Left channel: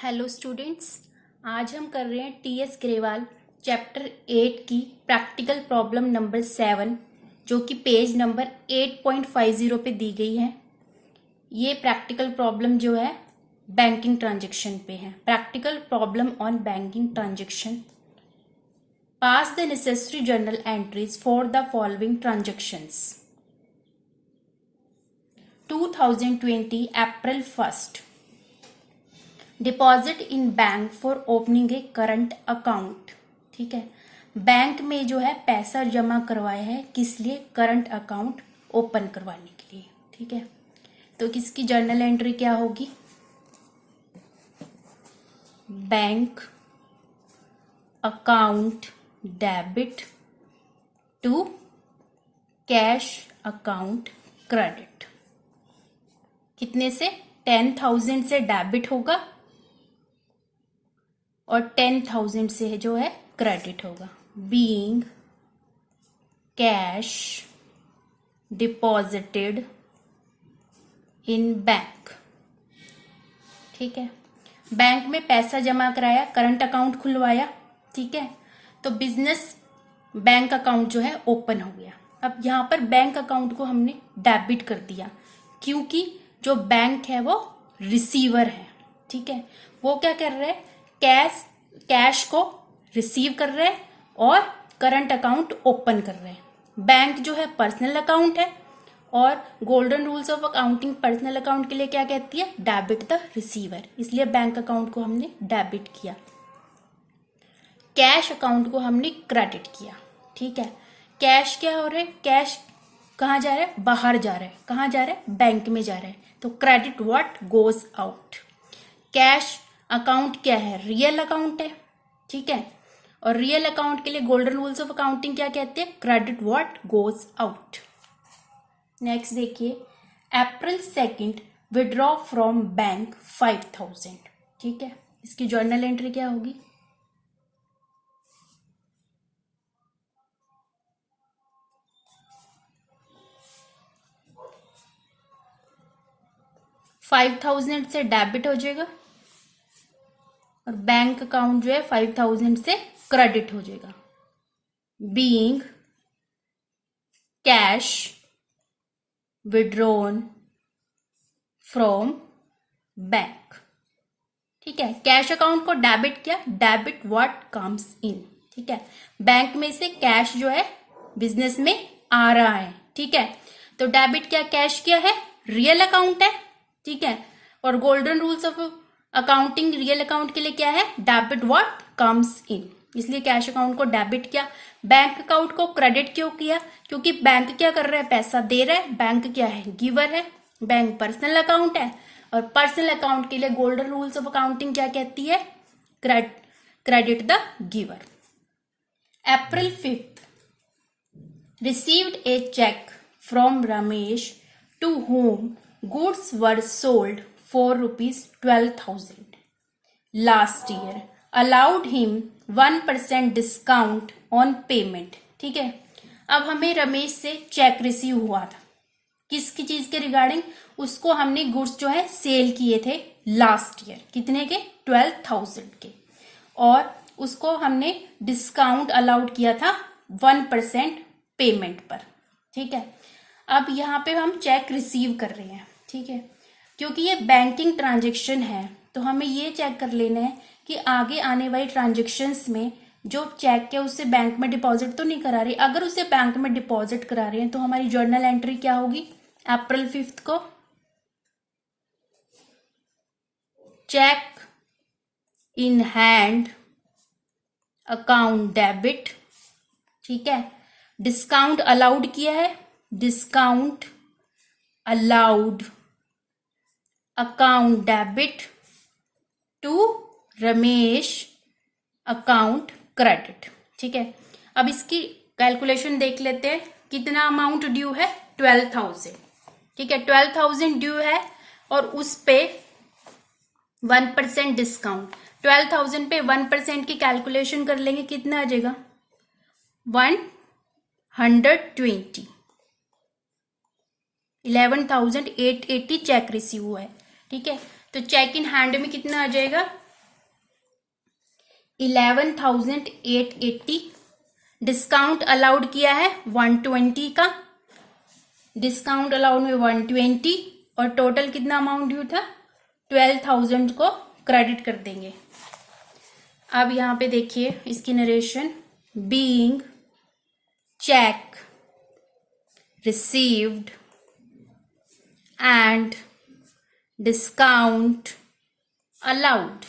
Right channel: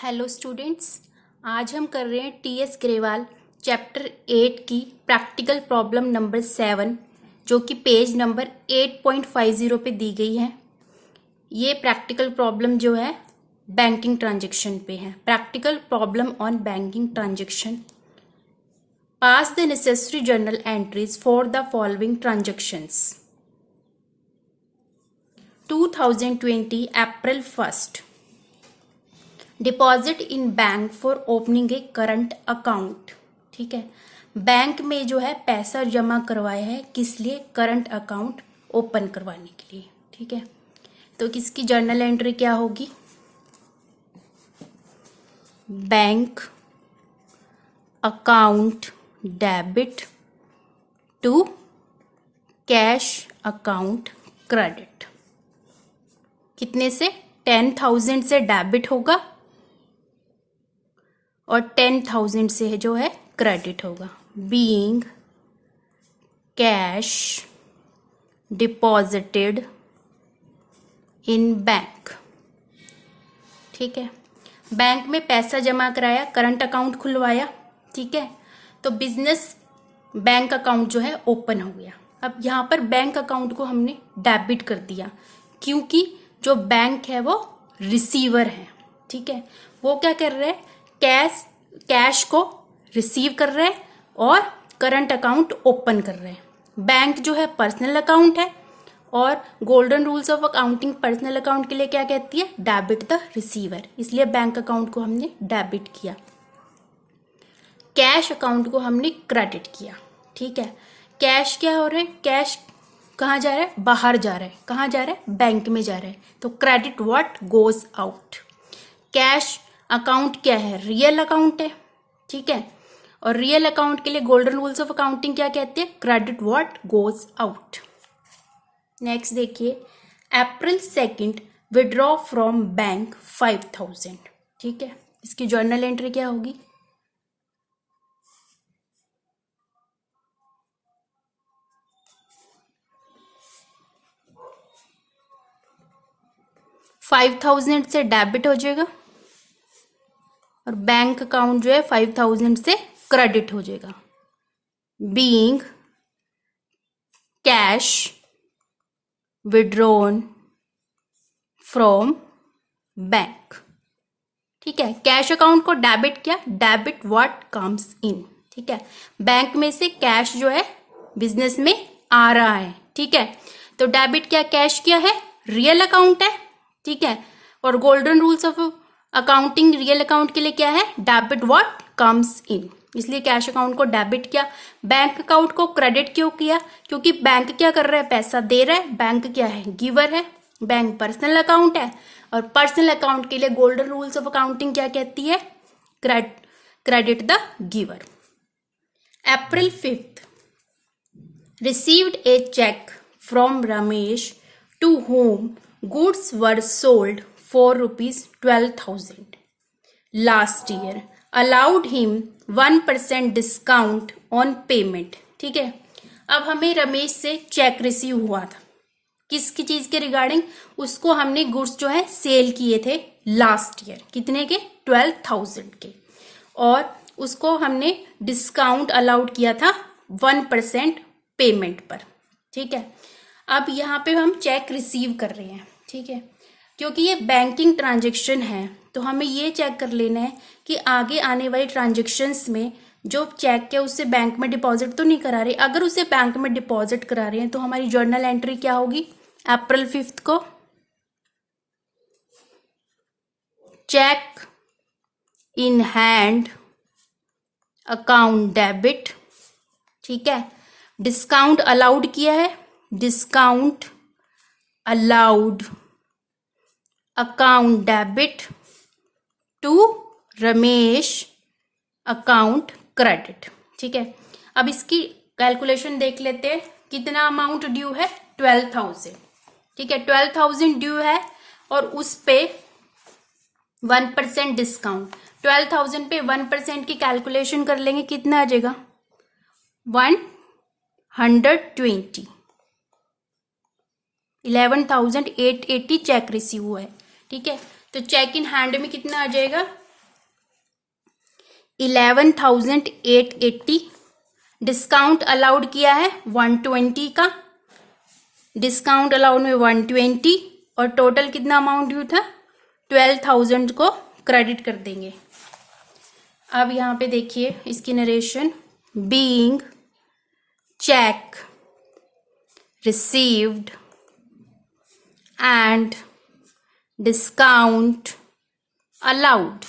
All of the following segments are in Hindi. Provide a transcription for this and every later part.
हेलो स्टूडेंट्स, आज हम कर रहे हैं टीएस ग्रेवाल चैप्टर 8 की प्रैक्टिकल प्रॉब्लम नंबर 7 जो कि पेज नंबर 8.50 पे दी गई है। ये प्रैक्टिकल प्रॉब्लम जो है बैंकिंग ट्रांजैक्शन पे है। Practical problem on banking transaction. Pass the necessary journal entries for the following transactions. 2020 April 1 deposit in bank for opening A current account. ठीक है, बैंक में जो है पैसा जमा करवाया है, किस लिए? करंट अकाउंट ओपन करवाने के लिए। ठीक है, तो किसकी जर्नल एंट्री क्या होगी? Bank account debit to cash account credit. कितने से? 10,000 से डेबिट होगा और 10,000 से जो है क्रेडिट होगा। Being cash deposited in bank. ठीक है, बैंक में पैसा जमा कराया, करंट अकाउंट खुलवाया। ठीक है, तो बिजनेस बैंक अकाउंट जो है ओपन हो गया। अब यहाँ पर बैंक अकाउंट को हमने डेबिट कर दिया क्योंकि जो बैंक है वो रिसीवर है। ठीक है, वो क्या कर रहे हैं? कैश को रिसीव कर रहे हैं और करंट अकाउंट ओपन कर रहे हैं। बैंक जो है पर्सनल अकाउंट है और golden rules of accounting personal account के लिए क्या कहती है? Debit the receiver. इसलिए बैंक अकाउंट को हमने डेबिट किया, कैश अकाउंट को हमने क्रेडिट किया। ठीक है, कैश क्या हो रहा है? कैश कहाँ जा रहा है? बाहर जा रहा है। कहाँ जा रहा है? बैंक में जा रहा है। तो credit what goes out. Cash account क्या है? रियल अकाउंट है। ठीक है, और रियल अकाउंट के लिए गोल्डन रूल्स ऑफ अकाउंटिंग क्या कहते हैं? Credit what goes out. Next देखिए, अप्रैल 2 विड्रॉ फ्रॉम बैंक 5,000। ठीक है, इसकी जर्नल एंट्री क्या होगी? $5,000 से डेबिट हो जाएगा और बैंक अकाउंट जो है 5,000 से क्रेडिट हो जाएगा। Being cash withdrawn from bank. ठीक है, कैश अकाउंट को डेबिट किया, डेबिट व्हाट कम्स इन। ठीक है, बैंक में से कैश जो है बिजनेस में आ रहा है। ठीक है, तो डेबिट क्या? कैश क्या है? रियल अकाउंट है। ठीक है, और golden rules of accounting real account के लिए क्या है? Debit what comes in. इसलिए कैश अकाउंट को डेबिट किया। बैंक अकाउंट को क्रेडिट क्यों किया? क्योंकि बैंक क्या कर रहा है? पैसा दे रहा है। बैंक क्या है? गिवर है। बैंक पर्सनल अकाउंट है और पर्सनल अकाउंट के लिए गोल्डन रूल्स ऑफ अकाउंटिंग क्या कहती है? Credit the giver. April 5 received a cheque from Ramesh to whom goods were sold for ₹12,000 last year, allowed him 1% discount on payment। ठीक है, अब हमें रमेश से चेक रिसीव हुआ था, किसकी चीज के रिगार्डिंग? उसको हमने गुड्स जो है सेल किए थे लास्ट ईयर। कितने के? 12,000 के, और उसको हमने डिस्काउंट अलाउड किया था 1% पेमेंट पर। ठीक है, अब यहाँ पे हम चेक रिसीव कर रहे हैं। ठीक है, क्योंकि ये बैंकिंग ट्रांजैक्शन है तो हमें ये चेक कर लेना है कि आगे आने वाली ट्रांजैक्शंस में जो चेक है उससे बैंक में डिपॉजिट तो नहीं करा रहे। अगर उसे बैंक में डिपॉजिट करा रहे हैं तो हमारी जर्नल एंट्री क्या होगी? अप्रैल 5 को cheque in hand account debit. ठीक है, डिस्काउंट अलाउड किया है, discount allowed account debit to Ramesh account credit. ठीक है, अब इसकी कैलकुलेशन देख लेते हैं। कितना अमाउंट ड्यू है? 12,000। ठीक है, 12,000 ड्यू है और उस पे 1% डिस्काउंट। 12,000 पे 1% की कैलकुलेशन कर लेंगे, कितना आ जाएगा? 120। 11,880 चेक रिसीव हुआ है। ठीक है, तो चेक इन हैंड में कितना आ जाएगा? 11,880, डिस्काउंट अलाउड किया है 120 का, डिस्काउंट अलाउड में 120, और टोटल कितना अमाउंट ड्यू था 12,000 को क्रेडिट कर देंगे। अब यहाँ पे देखिए इसकी narration, being cheque received and discount allowed.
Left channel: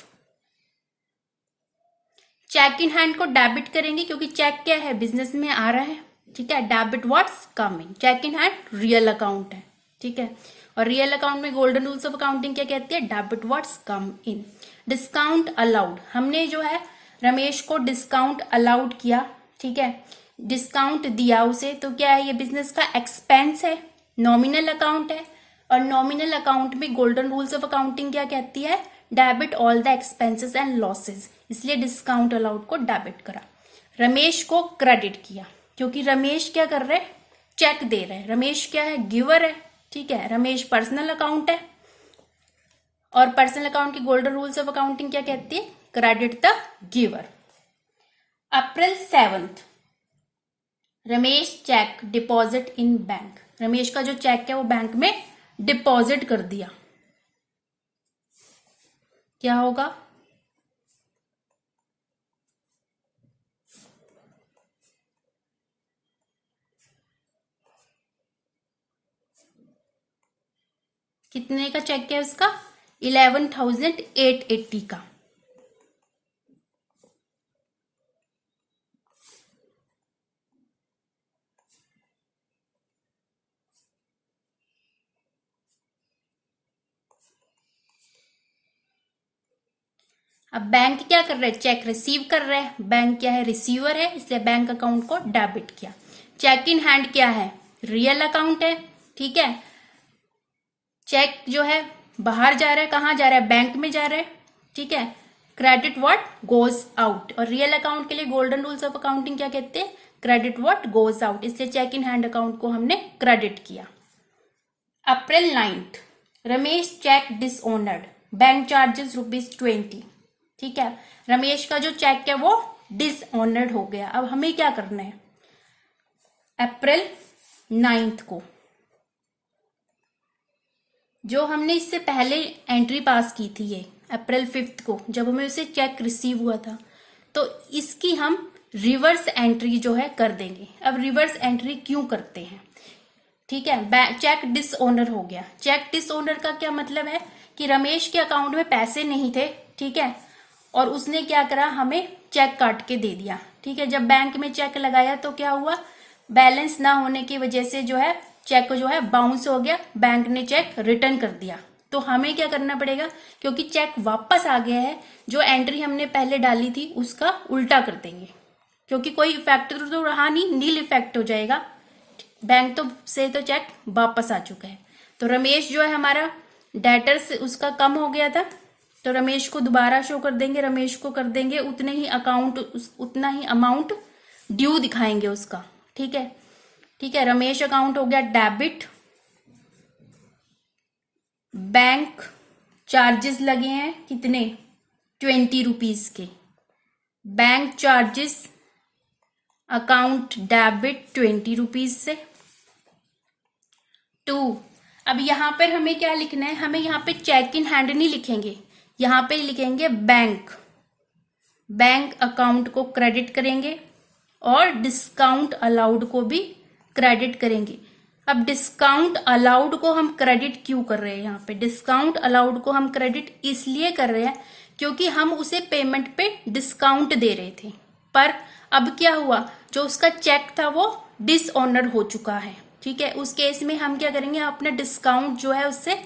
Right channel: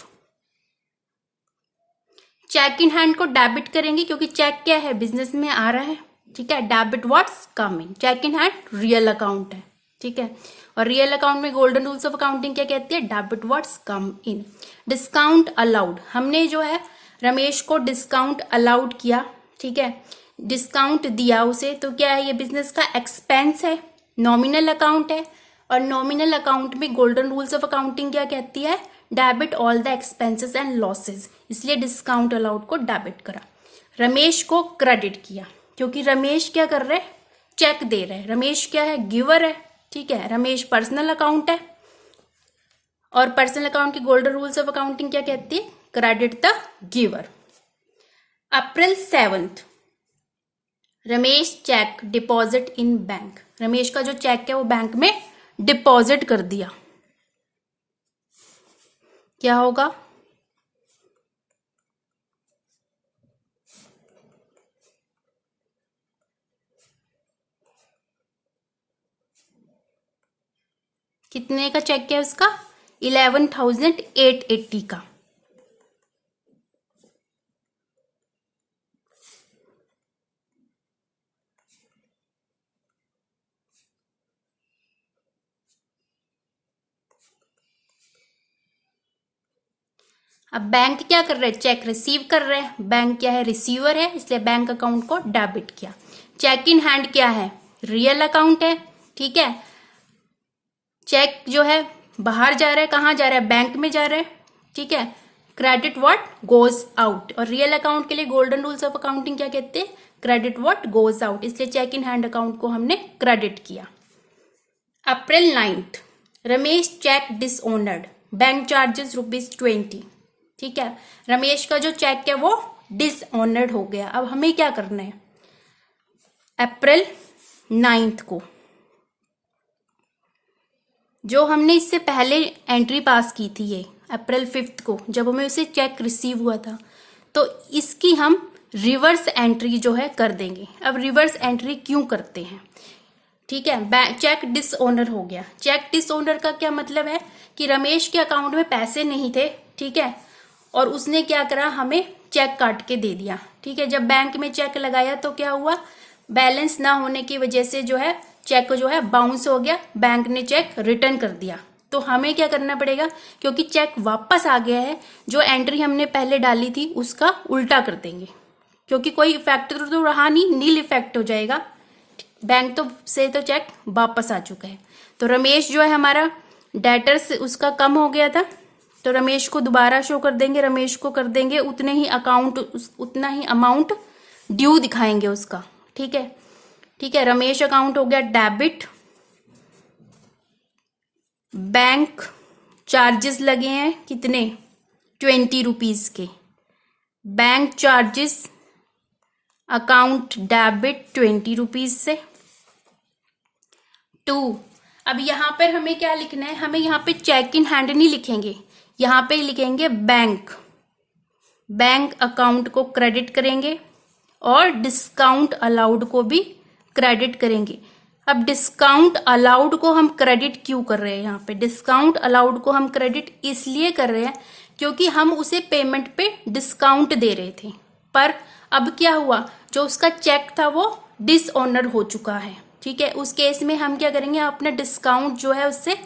Cheque in hand को डेबिट करेंगे क्योंकि चेक क्या है, बिजनेस में आ रहा है, ठीक है। Debit what's come in, cheque in hand real account है, ठीक है। और रियल अकाउंट में गोल्डन रूल्स ऑफ अकाउंटिंग क्या कहती है, debit what's come in. Discount allowed, हमने जो है रमेश को डिस्काउंट अलाउड किया, ठीक है, डिस्काउंट दिया उसे, तो क्या है, ये बिजनेस का एक्सपेंस है, नॉमिनल अकाउंट है, और नॉमिनल अकाउंट में गोल्डन रूल्स ऑफ अकाउंटिंग क्या कहती है, debit all the expenses and losses, इसलिए डिस्काउंट अलाउड को डेबिट करा। रमेश को क्रेडिट किया क्योंकि रमेश क्या कर रहे हैं, चेक दे रहे हैं, रमेश क्या है, गिवर है, ठीक है। रमेश पर्सनल अकाउंट है, और पर्सनल अकाउंट की गोल्डन रूल्स ऑफ अकाउंटिंग क्या कहती है, credit the giver. April 7, Ramesh cheque deposit in bank, Ramesh का जो चेक है वो बैंक में डिपॉजिट कर दिया, क्या होगा, कितने का चेक है उसका, 11,880 का। अब बैंक क्या कर रहा है, चेक रिसीव कर रहा है, बैंक क्या है, रिसीवर है, इसलिए बैंक अकाउंट को डेबिट किया। चेक इन हैंड क्या है, रियल अकाउंट है, ठीक है। चेक जो है बाहर जा रहा है, कहाँ जा रहा है, बैंक में जा रहा है, ठीक है। क्रेडिट व्हाट गोज आउट, और रियल अकाउंट के लिए गोल्डन रूल्स ऑफ अकाउंटिंग क्या कहते हैं, क्रेडिट व्हाट गोज आउट, इसलिए चेक इन हैंड अकाउंट को हमने क्रेडिट किया। April 9, Ramesh cheque dishonoured, bank charges ₹20, ठीक है। रमेश का जो चेक है वो डिसऑनर्ड हो गया। अब हमें क्या करना है, अप्रैल 9 को जो हमने इससे पहले एंट्री पास की थी, ये अप्रैल 5 को जब हमें उसे चेक रिसीव हुआ था, तो इसकी हम रिवर्स एंट्री जो है कर देंगे। अब रिवर्स एंट्री क्यों करते हैं, ठीक है, चेक डिसऑनर हो गया। चेक डिसऑनर का क्या मतलब है कि रमेश के अकाउंट में पैसे नहीं थे, ठीक है, और उसने क्या करा, हमें चेक काट के दे दिया, ठीक है। जब बैंक में चेक लगाया तो क्या हुआ, बैलेंस ना होने की वजह से जो है चेक जो है बाउंस हो गया, बैंक ने चेक रिटर्न कर दिया। तो हमें क्या करना पड़ेगा, क्योंकि चेक वापस आ गया है, जो एंट्री हमने पहले डाली थी उसका उल्टा कर देंगे, क्योंकि कोई इफेक्ट तो रहा नहीं, नील इफेक्ट हो जाएगा, बैंक से तो चेक वापस आ चुका है। तो रमेश जो है हमारा डेटर्स उसका कम हो गया था, तो रमेश को दोबारा शो कर देंगे, रमेश को कर देंगे उतने ही उतना ही अमाउंट ड्यू दिखाएंगे उसका, ठीक है, ठीक है। रमेश अकाउंट हो गया डेबिट, बैंक चार्जेस लगे हैं कितने, ₹20 के, बैंक चार्जेस अकाउंट डेबिट ₹20 से। 2, अब यहां पर हमें क्या लिखना है, हमें यहां पे चेक इन हैंड नहीं लिखेंगे, यहां पे लिखेंगे बैंक अकाउंट को क्रेडिट करेंगे और डिस्काउंट अलाउड को भी क्रेडिट करेंगे। अब डिस्काउंट अलाउड को हम क्रेडिट क्यों कर रहे हैं, यहाँ पे डिस्काउंट अलाउड को हम क्रेडिट इसलिए कर रहे हैं क्योंकि हम उसे पेमेंट पे डिस्काउंट दे रहे थे, पर अब क्या हुआ, जो उसका चेक था वो डिसऑनर हो चुका है, ठीक है। उस केस में हम क्या करेंगे, अपना डिस्काउंट जो है उससे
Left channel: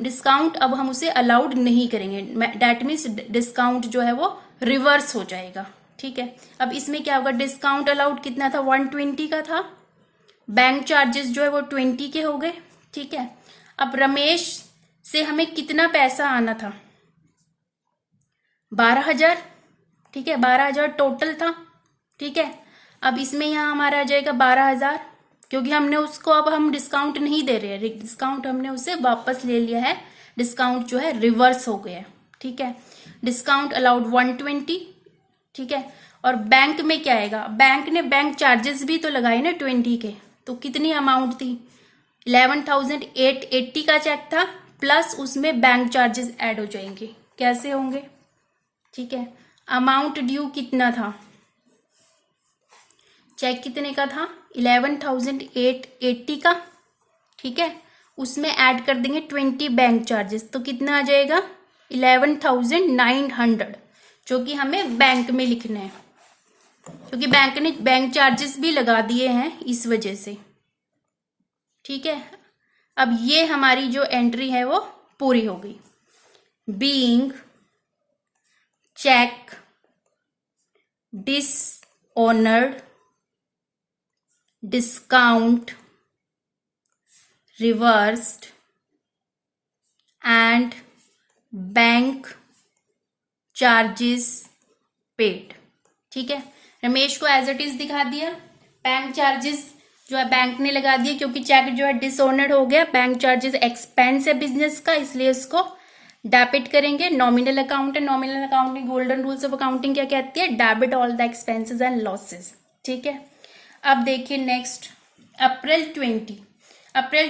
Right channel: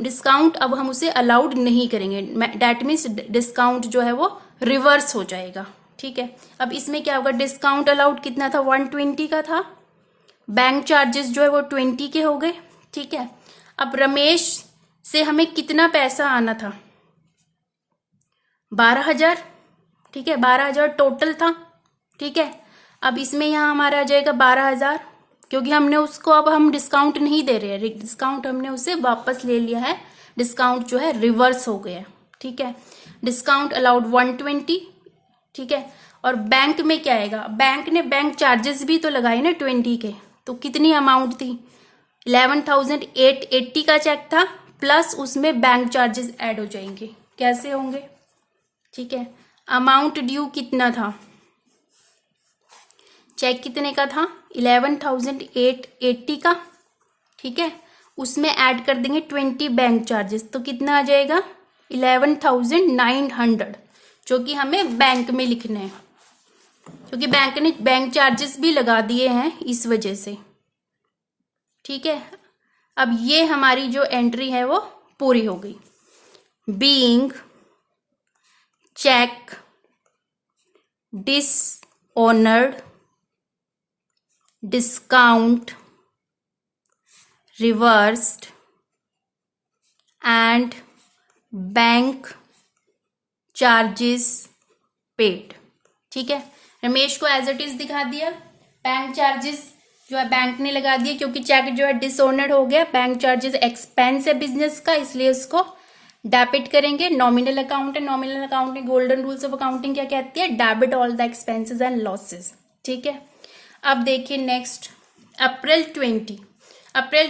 डिस्काउंट अब हम उसे अलाउड नहीं करेंगे, दैट मीन्स डिस्काउंट जो है वो रिवर्स हो जाएगा, ठीक है। अब इसमें क्या होगा, डिस्काउंट अलाउड कितना था, 120 का था, बैंक चार्जेस जो है वो 20 के हो गए, ठीक है। अब रमेश से हमें कितना पैसा आना था, 12,000, ठीक है, 12,000 टोटल था, ठीक है। अब इसमें यहाँ हमारा आ जाएगा 12,000, क्योंकि हमने उसको अब हम डिस्काउंट नहीं दे रहे हैं, डिस्काउंट हमने उसे वापस ले लिया है, डिस्काउंट जो है रिवर्स हो गया, ठीक है। डिस्काउंट अलाउड 120, ठीक है। और बैंक में क्या आएगा, बैंक ने बैंक चार्जेस भी तो लगाए ना 20 के, तो कितनी अमाउंट थी, 11,880 का चेक था, प्लस उसमें बैंक चार्जेस ऐड हो जाएंगे। कैसे होंगे, ठीक है। अमाउंट ड्यू कितना था, चेक कितने का था, 11,880 का, ठीक है। उसमें ऐड कर देंगे 20 बैंक चार्जेस, तो कितना आ जाएगा 11,900, जो कि हमें बैंक में लिखना है, क्योंकि बैंक ने बैंक चार्जेस भी लगा दिए हैं इस वजह से, ठीक है। अब ये हमारी जो एंट्री है वो पूरी हो गई। Being cheque dishonoured, discount reversed and bank charges paid, ठीक है। रमेश को एज इट इज दिखा दिया, बैंक चार्जेस जो है बैंक ने लगा दिए, क्योंकि चेक जो है डिसऑनर्ड हो गया, बैंक चार्जेस एक्सपेंस है बिजनेस का, इसलिए इसको डेबिट करेंगे। नॉमिनल अकाउंट है, नॉमिनल अकाउंट में गोल्डन रूल्स ऑफ अकाउंटिंग क्या कहती है, debit all the expenses and losses, ठीक है। अब देखिए नेक्स्ट, अप्रैल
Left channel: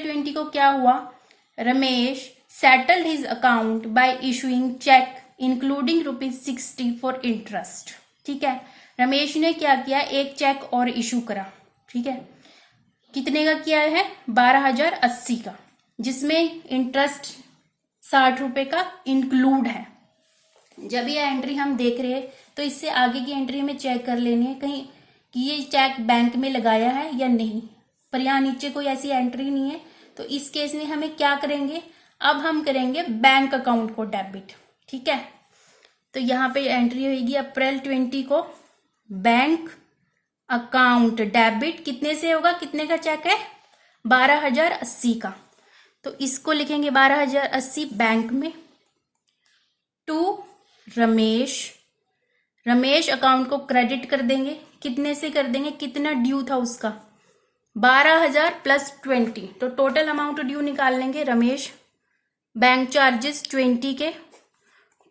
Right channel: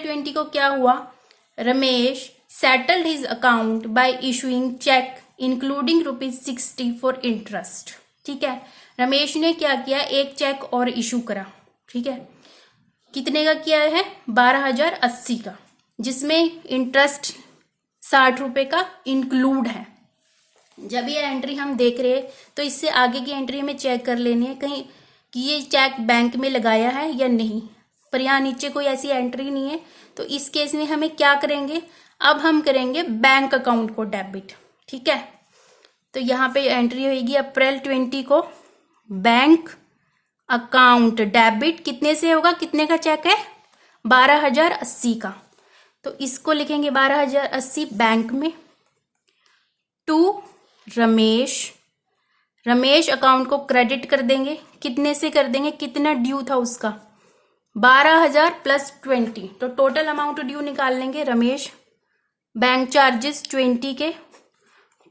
20 को क्या हुआ, Ramesh settled his account by issuing cheque including ₹60 for interest, ठीक है। रमेश ने क्या किया, एक चेक और इशू करा, ठीक है। कितने का किया है, 12,080 का, जिसमें इंटरेस्ट 60 रुपए का इंक्लूड है। जब ये एंट्री हम देख रहे हैं तो इससे आगे की एंट्री में चेक कर लेनी है कहीं कि ये चेक बैंक में लगाया है या नहीं, पर यहाँ नीचे कोई ऐसी एंट्री नहीं है, तो इस केस में हमें क्या करेंगे, अब हम करेंगे बैंक अकाउंट को डेबिट, ठीक है। तो यहाँ पे एंट्री होगी अप्रैल 20 को, बैंक अकाउंट डेबिट कितने से होगा, कितने का चेक है, 12,080 का, तो इसको लिखेंगे 12,080 बैंक में, टू रमेश अकाउंट को क्रेडिट कर देंगे, कितने से कर देंगे, कितना ड्यू था उसका, 12,000 प्लस 20, तो टोटल अमाउंट ड्यू निकाल लेंगे रमेश, बैंक चार्जेस 20 के,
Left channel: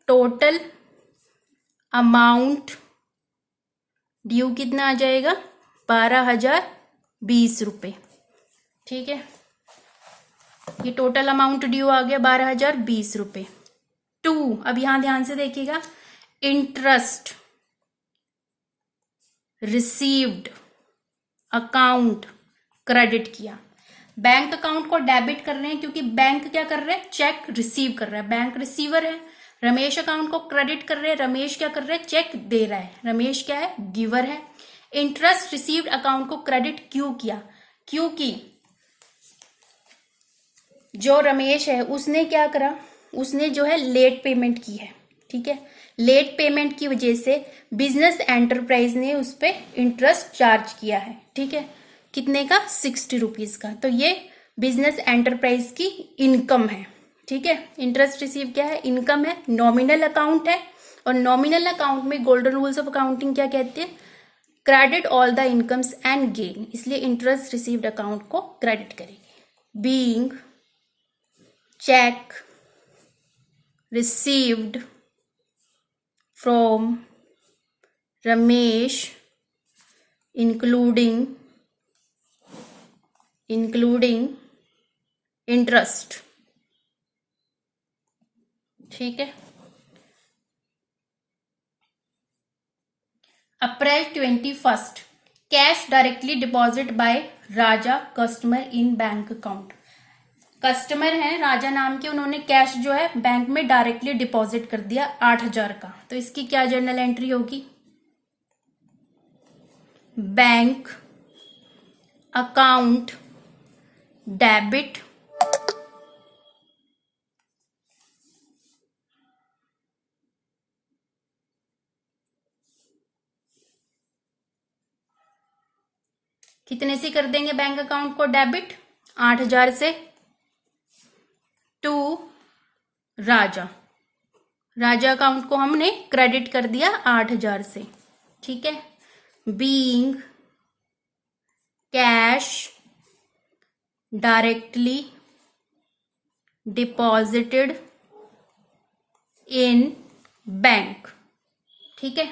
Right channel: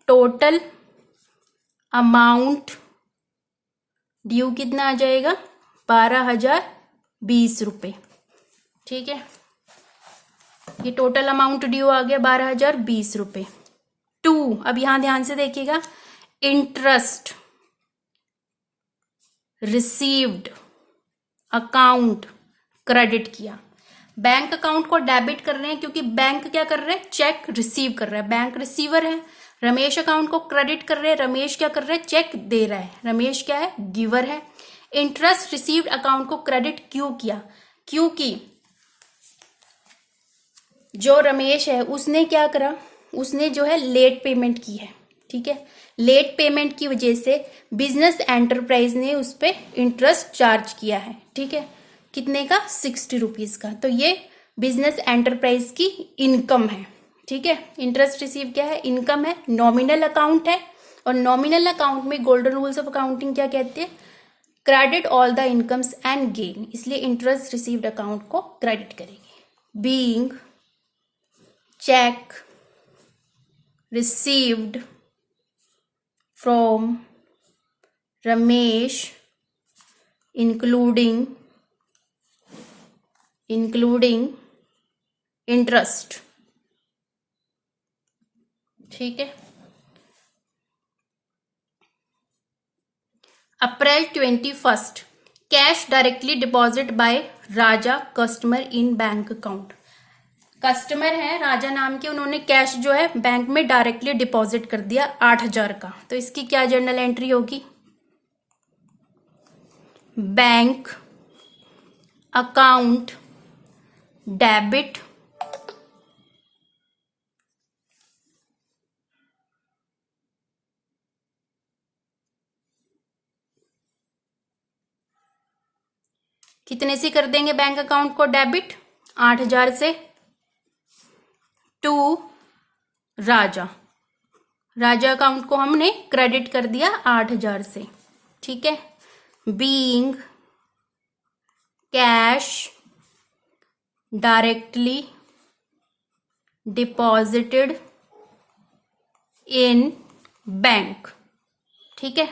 टोटल अमाउंट ड्यू कितना आ जाएगा, 12,020 रुपये, ठीक है। ये टोटल अमाउंट ड्यू आ गया 12,020 रुपये। टू, अब यहां ध्यान से देखिएगा, इंटरेस्ट रिसीव्ड अकाउंट क्रेडिट किया, बैंक अकाउंट को डेबिट कर रहे हैं क्योंकि बैंक क्या कर रहे हैं, चेक रिसीव कर रहा है, बैंक रिसीवर है। रमेश अकाउंट को क्रेडिट कर रहे हैं, रमेश क्या कर रहे हैं, चेक दे रहा है, रमेश क्या है, गिवर है। इंटरेस्ट रिसीव्ड अकाउंट को क्रेडिट क्यों किया, क्योंकि जो रमेश है उसने क्या करा, उसने जो है लेट पेमेंट की है, ठीक है। लेट पेमेंट की वजह से बिजनेस एंटरप्राइज ने उस पर इंटरेस्ट चार्ज किया है, ठीक है। कितने का, 60 रुपीज का, तो ये बिजनेस एंटरप्राइज की इनकम है, ठीक है। इंटरेस्ट रिसीव क्या है, इनकम है, नॉमिनल अकाउंट है, और नॉमिनल अकाउंट में गोल्डन रूल्स ऑफ अकाउंटिंग क्या कहते हैं, credit all the incomes and gain, इसलिए इंटरेस्ट रिसीव्ड अकाउंट को क्रेडिट करेंगे। Being cheque received from Ramesh including interest, ठीक है। April 21, cash directly deposit by Raja customer in bank account, customer है राजा नाम के, उन्होंने कैश जो है बैंक में डायरेक्टली डिपॉजिट कर दिया 8,000 का, तो इसकी क्या जर्नल एंट्री होगी, बैंक अकाउंट डेबिट कितने से कर देंगे बैंक अकाउंट को डेबिट, 8,000 से, टू राजा अकाउंट को हमने क्रेडिट कर दिया 8,000 से, ठीक है। Being cash directly deposited in bank, ठीक है।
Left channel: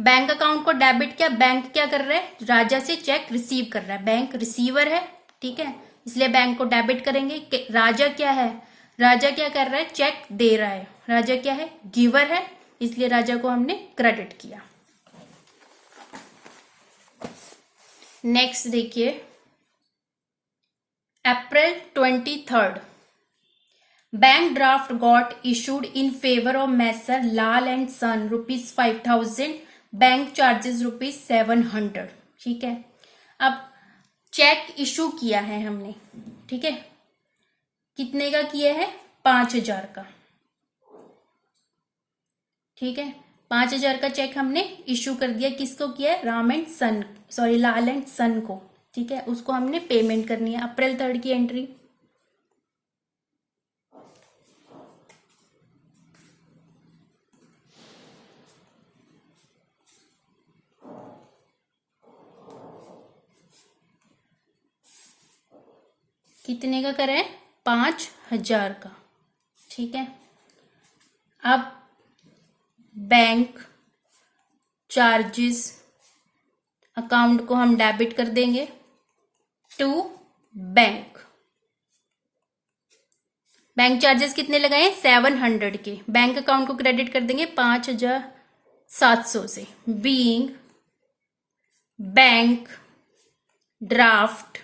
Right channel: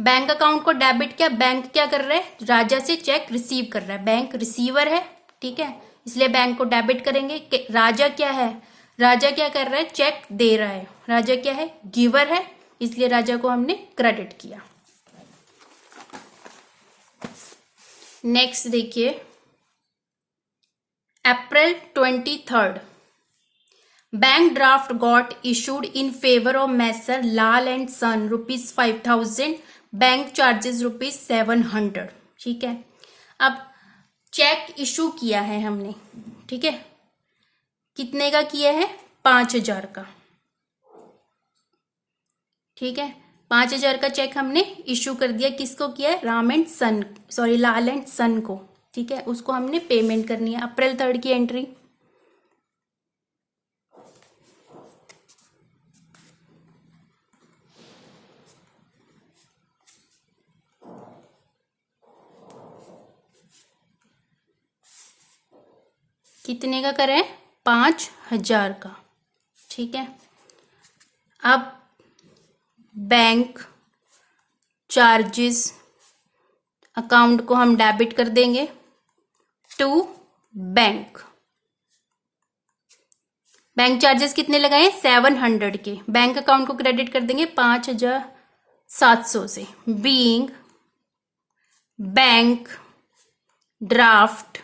बैंक अकाउंट को डेबिट किया, बैंक क्या कर रहा है, राजा से चेक रिसीव कर रहा है, बैंक रिसीवर है, ठीक है, इसलिए बैंक को डेबिट करेंगे। राजा क्या है, राजा क्या कर रहा है, चेक दे रहा है, राजा क्या है, गिवर है, इसलिए राजा को हमने क्रेडिट किया। नेक्स्ट देखिए, April 23, bank draft got issued in favour of messrs Lal and son ₹5,000, bank charges ₹700, ठीक है। अब चेक इशू किया है हमने, ठीक है, कितने का किया है, 5,000 का, ठीक है, 5,000 का चेक हमने इशू कर दिया, किसको किया है, लाल एंड सन को, ठीक है, उसको हमने पेमेंट करनी है। अप्रैल 3 की एंट्री, कितने का करें, 5,000 का, ठीक है। अब बैंक चार्जेस अकाउंट को हम डेबिट कर देंगे टू बैंक। बैंक चार्जेस कितने लगाए, 700 के, बैंक अकाउंट को क्रेडिट कर देंगे 5,700 से, being bank draft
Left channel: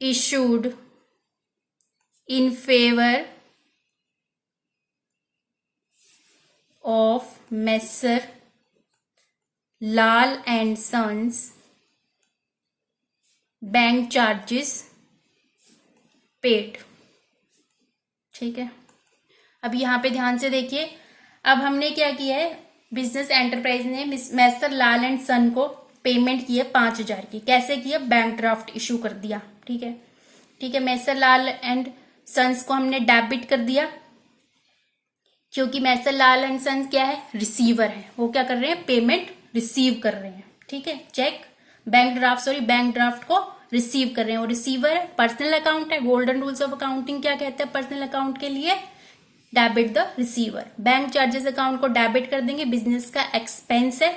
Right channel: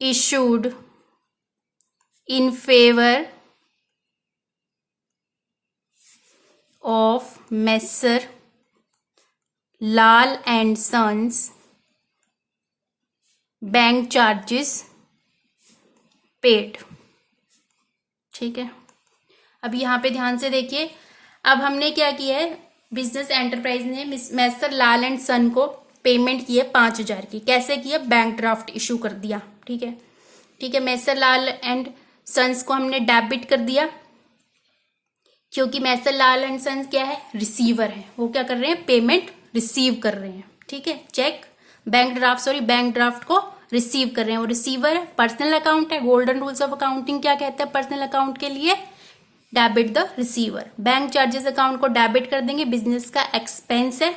issued in favor of Messer Lal and Sons, bank charges paid, ठीक है। अब यहाँ पे ध्यान से देखिए, अब हमने क्या किया है, बिजनेस एंटरप्राइज ने मैसर लाल एंड सन को पेमेंट की है 5,000 की, कैसे किया, बैंक ड्राफ्ट इशू कर दिया, ठीक है, ठीक है, मैसर लाल एंड सन्स को हमने डेबिट कर दिया, क्योंकि मैसर लाल एंड सन्स क्या है, रिसीवर है, वो क्या कर रहे हैं, पेमेंट रिसीव कर रहे हैं, ठीक है, चेक बैंक ड्राफ्ट को रिसीव कर रहे हैं, वो रिसीवर है, पर्सनल अकाउंट है, गोल्डन रूल्स ऑफ अकाउंटिंग क्या कहते हैं पर्सनल अकाउंट के लिए, debit the receiver. Bank charges account को डेबिट कर देंगे, बिजनेस का एक्सपेंस है,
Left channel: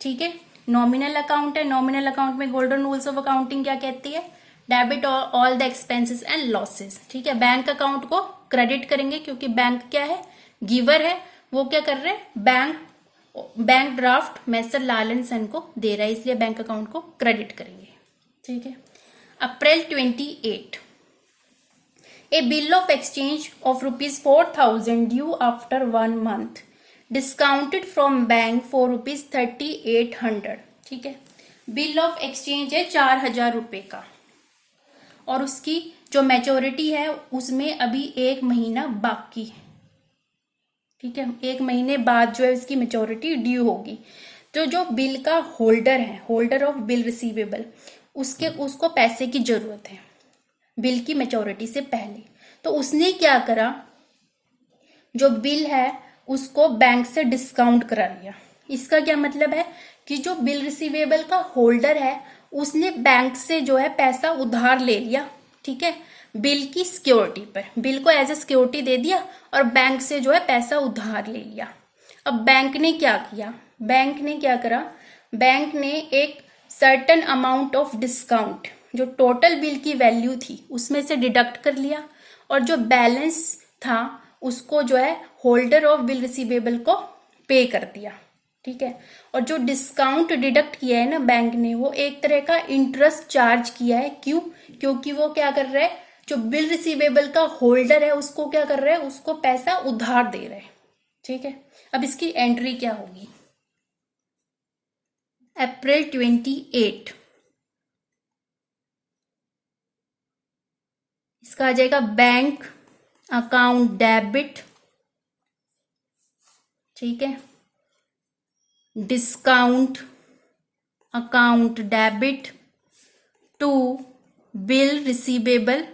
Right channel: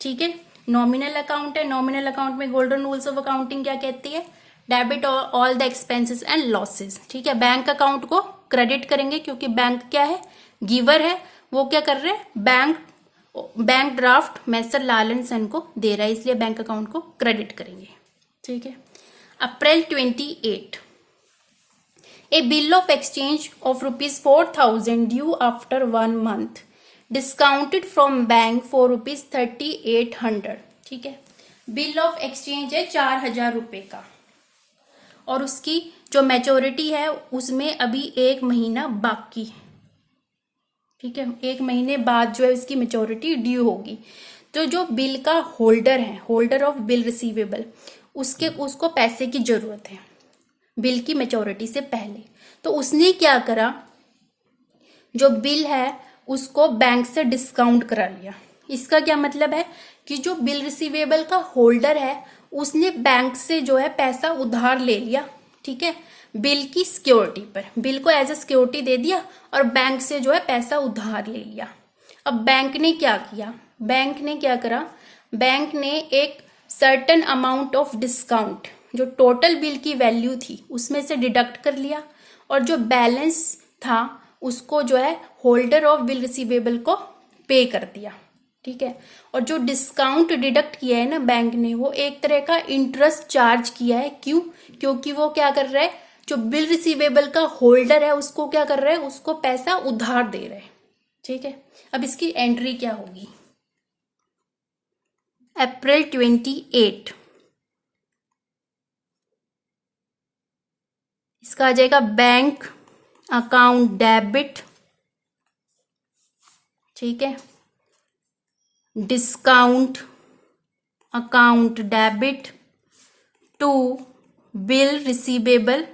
ठीक है, नॉमिनल अकाउंट है, नॉमिनल अकाउंट में गोल्डन रूल्स ऑफ अकाउंटिंग क्या कहती है, debit all the expenses and losses, ठीक है। बैंक अकाउंट को क्रेडिट करेंगे, क्योंकि बैंक क्या है, गिवर है, वो क्या कर रहे हैं, bank draft messrs Lal and son को दे रहा है, इसलिए बैंक अकाउंट को क्रेडिट करेंगे, ठीक है। April 28, a bill of exchange of ₹4,000 due after 1 month discounted from bank for ₹3,800, ठीक है। बिल ऑफ एक्सचेंज है 4,000 रुपए का, और उसकी जो मैच्योरिटी है उसमें अभी 1 महीना बाकी, ठीक है, 1 महीने बाद जो है उसकी मैच्योरिटी ड्यू होगी। तो जो बिल का होल्डर है, होल्डर ऑफ बिल रिसीवेबल, उसको पैसे की जरूरत है बिल की मैच्योरिटी से पहले, तो उसने क्या करा, जो बिल है उसको बैंक से डिस्काउंट करा लिया। इसका क्या मतलब है कि जो बिल रिसीवेबल का होल्डर है उसने बैंक से जो है पैसा उधार ले लिया, ठीक है, बिल की सिक्योरिटी पर, बिल को एज ए सिक्योरिटी दे दिया और बैंक से जो है पैसा उधार ले लिया। अब बैंक ने क्या किया, बैंक ने क्या करा, बैंक ने एक सर्टेन अमाउंट ऑफ डिस्काउंट जो टोटल बिल की वैल्यू थी उसमें से डिडक्ट कर लिया, और जो बैलेंस था उसको जो है होल्डर ऑफ बिल रिसीवेबल को पे कर दिया, ठीक है। और जो डिस्काउंट डिडक्ट किया है ना बैंक ने, वो एक तरह का इंटरेस्ट चार्ज किया है, क्यों, क्योंकि वो क्या कर रहा है, जो बिल रिसीवेबल का होल्डर है उसको क्या कर रहा है, उसको पैसा उधार दे रहा है, ठीक है। अब इसकी एंट्री क्या होगी, अप्रैल 28, इसका आ जाएगा बैंक अकाउंट डेबिट, ठीक है, discount account debit to bill receivable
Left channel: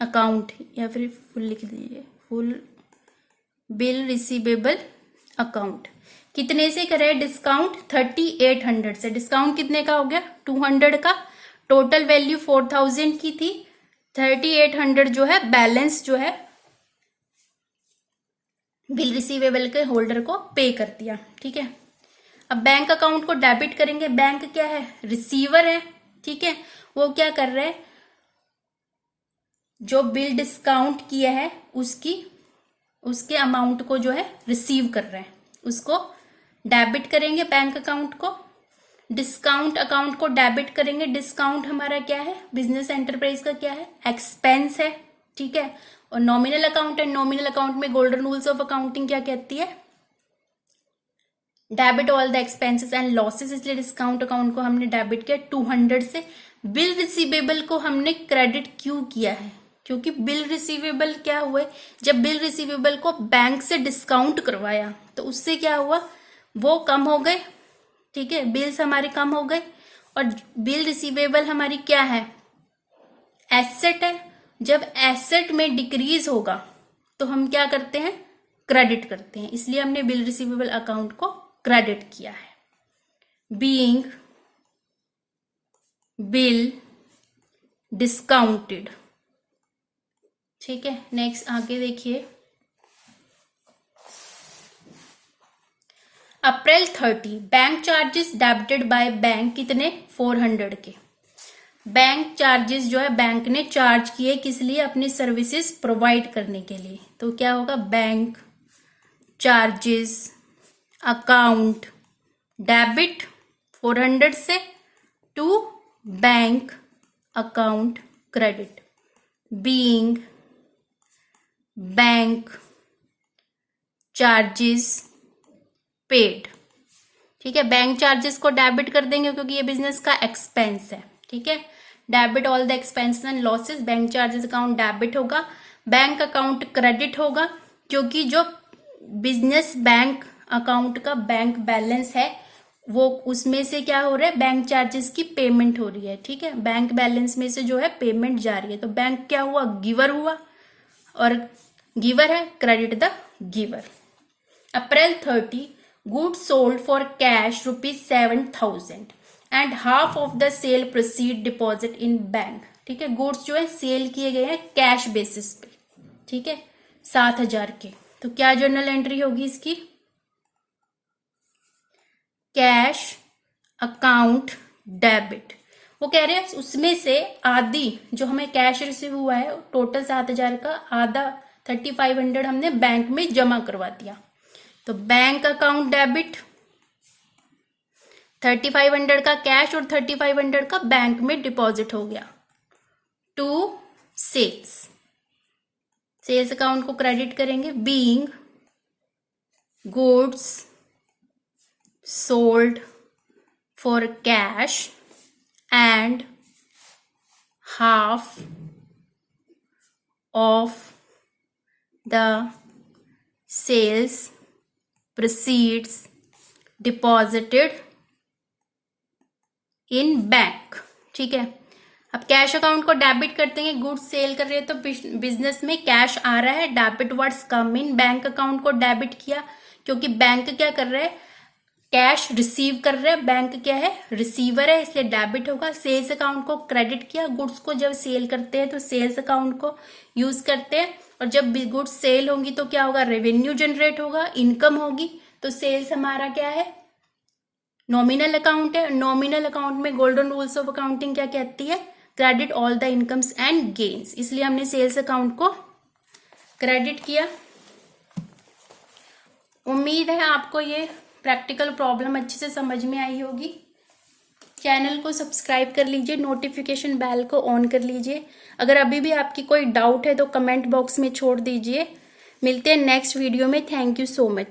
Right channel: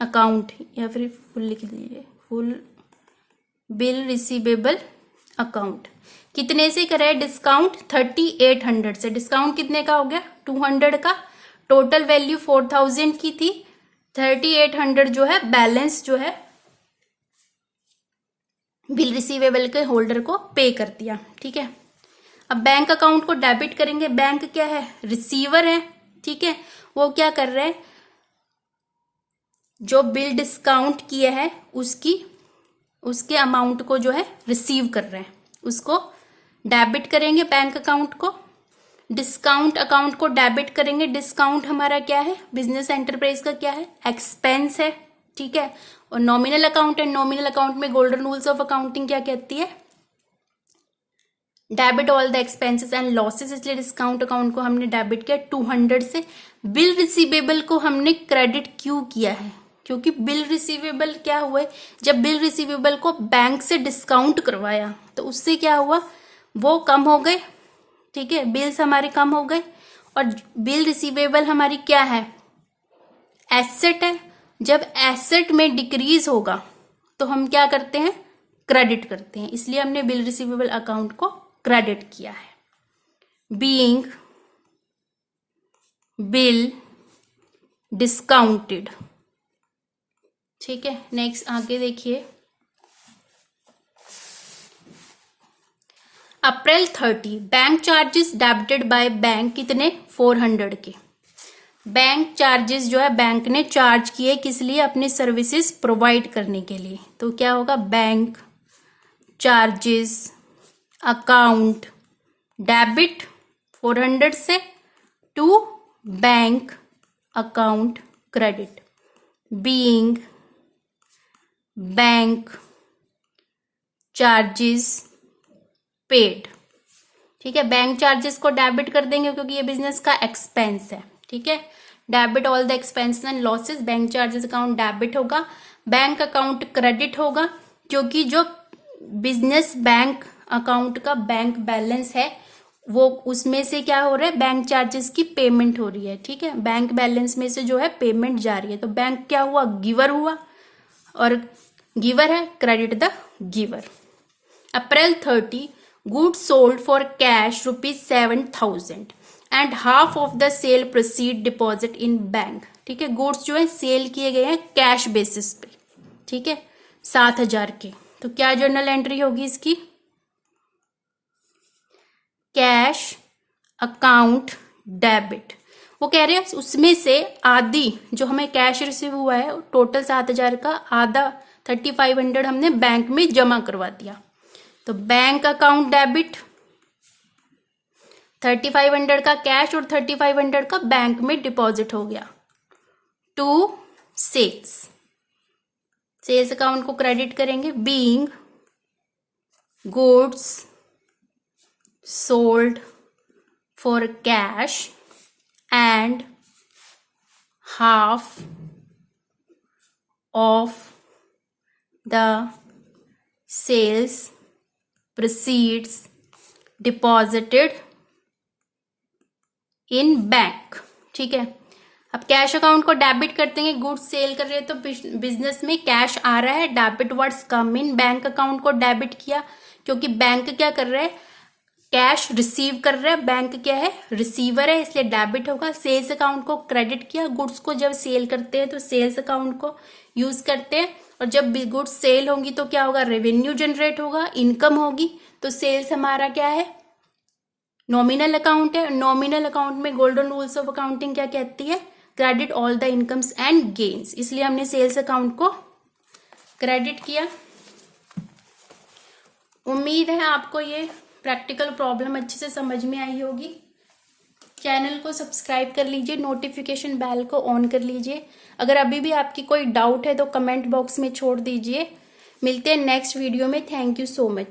account, या फिर फुल लिख दीजिए, फुल बिल रिसीवेबल अकाउंट। कितने से करे डिस्काउंट, 3,800 से, डिस्काउंट कितने का हो गया, 200 का, टोटल वैल्यू 4,000 की थी, 3,800 जो है बैलेंस जो है बिल रिसीवेबल के होल्डर को पे कर दिया, ठीक है। अब बैंक अकाउंट को डेबिट करेंगे, बैंक क्या है, रिसीवर है, ठीक है। वो क्या कर रहे हैं, जो बिल डिस्काउंट किया है उसके अमाउंट को जो है रिसीव कर रहा है, उसको डेबिट करेंगे बैंक अकाउंट को। डिस्काउंट अकाउंट को डेबिट करेंगे, डिस्काउंट हमारा क्या है, बिजनेस एंटरप्राइज का क्या है, एक्सपेंस है, ठीक है। और नॉमिनल अकाउंट है, नॉमिनल अकाउंट में गोल्डन रूल्स ऑफ अकाउंटिंग क्या कहती है, debit all the expenses and losses, इसलिए डिस्काउंट अकाउंट को हमने डेबिट किया 200 से। बिल रिसीवेबल को हमने क्रेडिट क्यों किया है, क्योंकि बिल रिसीवेबल क्या हुआ, जब बिल रिसीवेबल को बैंक से डिस्काउंट करवाया तो उससे क्या हुआ, वो कम हो गए, ठीक है, बिल्स हमारे कम हो गए। और बिल रिसीवेबल हमारी क्या है, एसेट है। जब एसेट में डिक्रीज होगा तो हम क्या करते हैं, क्रेडिट करते हैं, इसलिए हमने बिल रिसीवेबल अकाउंट को क्रेडिट किया है। बीइंग बिल डिस्काउंटेड, ठीक है। नेक्स्ट आगे देखिए, अप्रैल 30 bank charges debited by bank, कितने, 400 के। बैंक चार्जेस जो है बैंक ने चार्ज किए किस लिए, अपनी सर्विसेज प्रोवाइड करने के लिए। तो क्या होगा, बैंक चार्जेस अकाउंट डेबिट 400 से to bank account credit, being bank charges paid, ठीक है। बैंक चार्जेस को डेबिट कर देंगे क्योंकि ये बिजनेस का एक्सपेंस है, ठीक है। Debit all the expenses and losses, bank charges account debit होगा, बैंक अकाउंट क्रेडिट होगा, क्योंकि जो बिजनेस बैंक अकाउंट का बैंक बैलेंस है वो उसमें से क्या हो रहा है, बैंक चार्जेस की पेमेंट हो रही है, ठीक है। बैंक बैलेंस में से जो है पेमेंट जा रही है, तो बैंक क्या हुआ, गिवर हुआ, और गिवर है, credit the giver. April 30 goods sold for cash ₹7,000 and half of the cell proceed deposit in bank, ठीक है। गुड्स जो है सेल किए गए हैं कैश बेसिस पे, ठीक है, 7,000 के। तो क्या जर्नल एंट्री होगी इसकी, कैश अकाउंट डेबिट। वो कह रहे हैं उसमें से आधी जो हमें कैश रिसीव हुआ है टोटल 7,000 का, आधा 3,500 हमने बैंक में जमा करवा दिया। तो बैंक अकाउंट डेबिट 3,500 का कैश और 3,500 का बैंक में डिपॉजिट हो गया टू सेल्स, सेल्स अकाउंट को क्रेडिट करेंगे, being goods sold for cash and half of the sales proceeds deposited in bank, ठीक है। अब कैश अकाउंट को डेबिट करते हैं, गुड्स सेल कर रहे हैं तो बिजनेस में कैश आ रहा है, डेबिट वर्ड्स कम इन, बैंक अकाउंट को डेबिट किया क्योंकि बैंक क्या कर रहा है, कैश रिसीव कर रहा है, बैंक क्या है, रिसीवर है, इसलिए डेबिट होगा। सेल्स अकाउंट को क्रेडिट किया, गुड्स को जब सेल करते हैं तो सेल्स अकाउंट को यूज करते हैं, और जब गुड्स सेल होंगी तो क्या होगा, रेवेन्यू जनरेट होगा, इनकम होगी। तो सेल्स हमारा क्या है, नॉमिनल अकाउंट है। नॉमिनल अकाउंट में गोल्डन रूल्स ऑफ अकाउंटिंग क्या कहती है, credit all the incomes and gains, इसलिए हमने सेल्स अकाउंट को क्रेडिट किया। उम्मीद है आपको ये प्रैक्टिकल प्रॉब्लम अच्छे से समझ में आई होगी। चैनल को सब्सक्राइब कर लीजिए, नोटिफिकेशन बेल को ऑन कर लीजिए। अगर अभी भी आपकी कोई डाउट है तो कमेंट बॉक्स में छोड़ दीजिए। मिलते हैं नेक्स्ट वीडियो में। Thank you so much.